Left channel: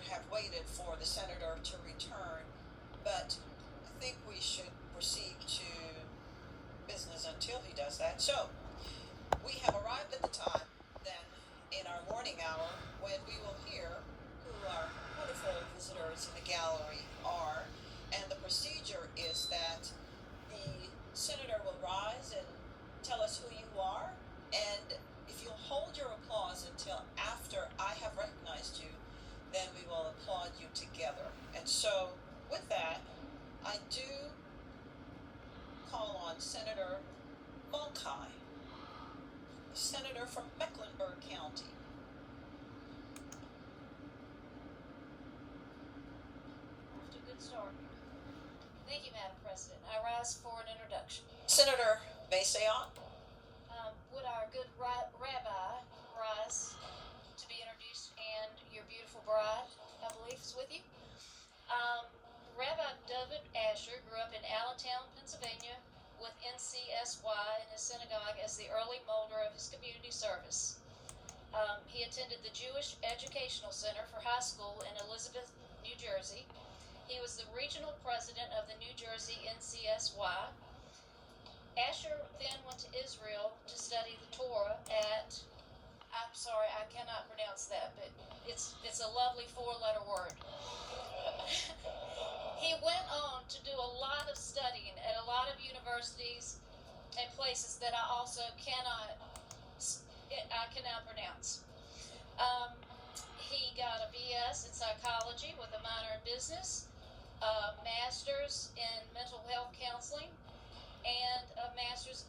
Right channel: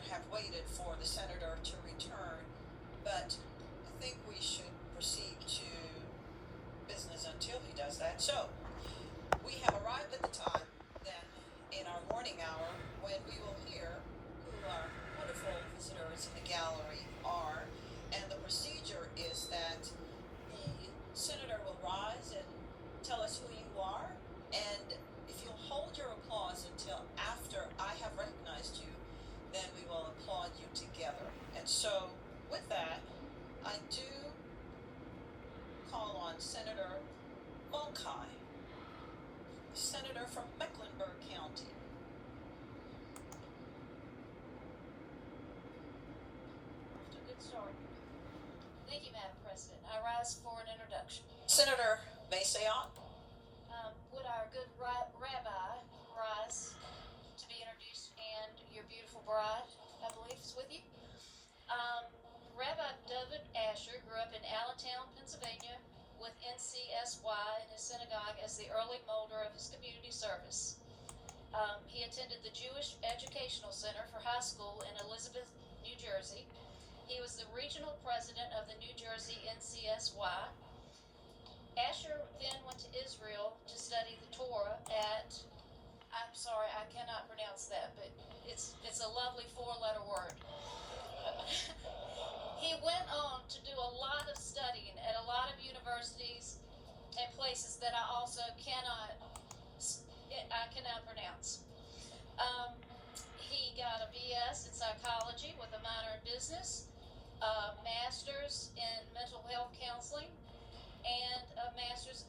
would have waited for the senator to return, but I think we should proceed to business until he does that. So, we have arrived at the time then in our morning hour when we will hear who our wonderful visitors in the gallery are. And the procedure is that the senator will rise and tell us who you are. And if you'll hold your applause until after I have recognized you, then we will applaud you together. And so, with that, I do call on Senator Mulcahy, senator from Mecklenburg County. Off to a good start. Thank you, Madam President. I rise for an introduction. Senator Masayon. Would our good rabbi rise to be introduced, and your beautiful bride, I believe, is with you. Rabbi David Asher grew up in Allentown, Pennsylvania, with NCSY in his synagogue as the early molder of his community service. He attended the Jewish Educational Center for high school in Elizabeth, New Jersey. He was the regional president of the New Jersey NCSY. Asher then went to Israel to study the Torah at, I'm sorry, I cannot pronounce that, but it's a lovely four-letter word. He went on to do a lot of studying at a lot of universities and places that I also cannot pronounce. He got a BS in psychology with a minor in business, a master's in mental health counseling, and a master's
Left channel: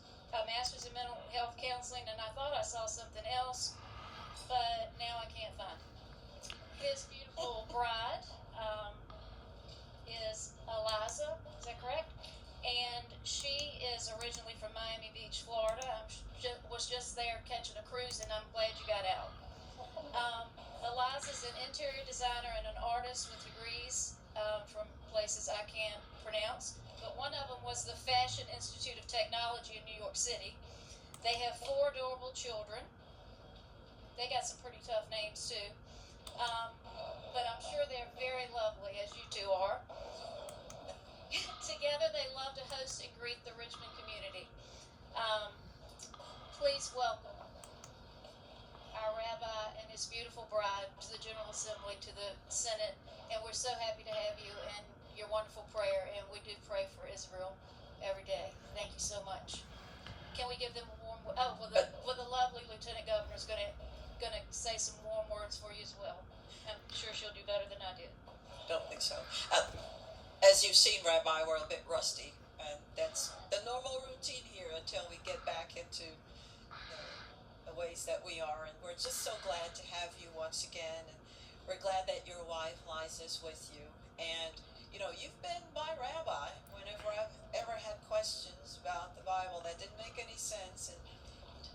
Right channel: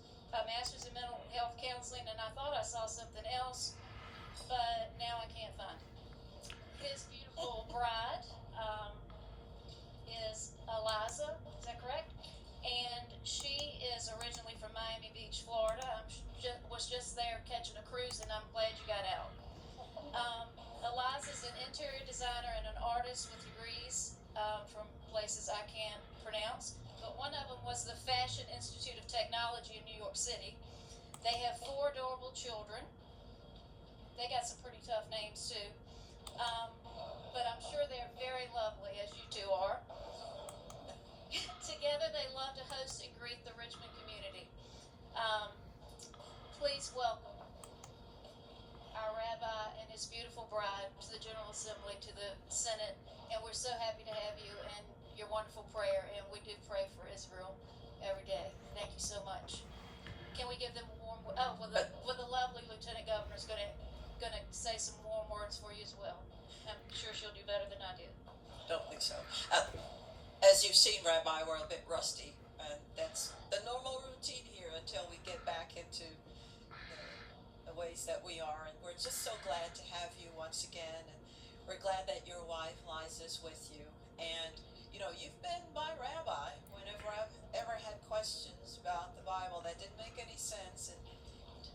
in mental health counseling, and I thought I saw something else, but now I can't find it. His beautiful bride is Eliza, is that correct? And she is originally from Miami Beach, Florida. Was just there catching a cruise, and I'm glad you got out. Eliza is an interior designer and an artist with degrees from places I can't pronounce, but one of them was the Fashion Institute of Technology in New York City. They have 4 adorable children. They got some pretty tough names too, but I'm sure they're very lovely, as you two are. Together they love to host and greet the Richmond community. Please welcome our rabbi and his beautiful bride to the General Assembly, to the Senate, and we're so happy to have you and your wonderful prayer, and we do pray for Israel every day. Thank you so much. Can we give them a warm? The lovely Lieutenant Governor is gonna say some warm words for you as well. I'm sure she'll do better than I did. Don't think so. As you've seen, Rabbi, we're a bit rusty, and that's the normal routine here until we get back into the ways that we are. And we're just so glad to have you once again, and we're glad that your wife Liza's with you. And you've been my rabbi whenever I've ever had questions about the Bible that didn't make any sense, and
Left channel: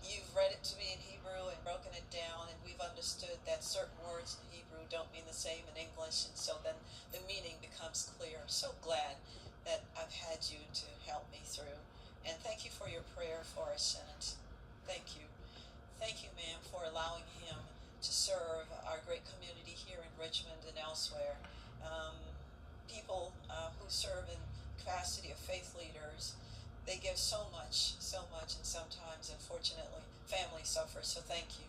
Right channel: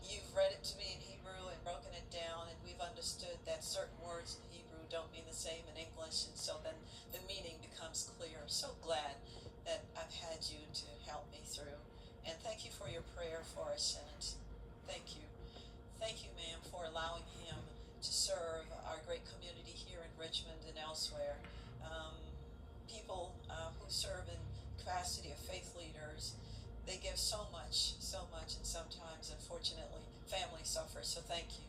you've read it to me in Hebrew and broken it down, and we've understood that certain words in Hebrew don't mean the same in English, and so then the meaning becomes clear. I'm so glad that I've had you to help me through, and thank you for your prayer for our Senate. Thank you. Thank you, ma'am, for allowing him to serve our great community here in Richmond and elsewhere. People who serve in capacity of faith leaders, they give so much, and sometimes, unfortunately, family suffers. So thank you.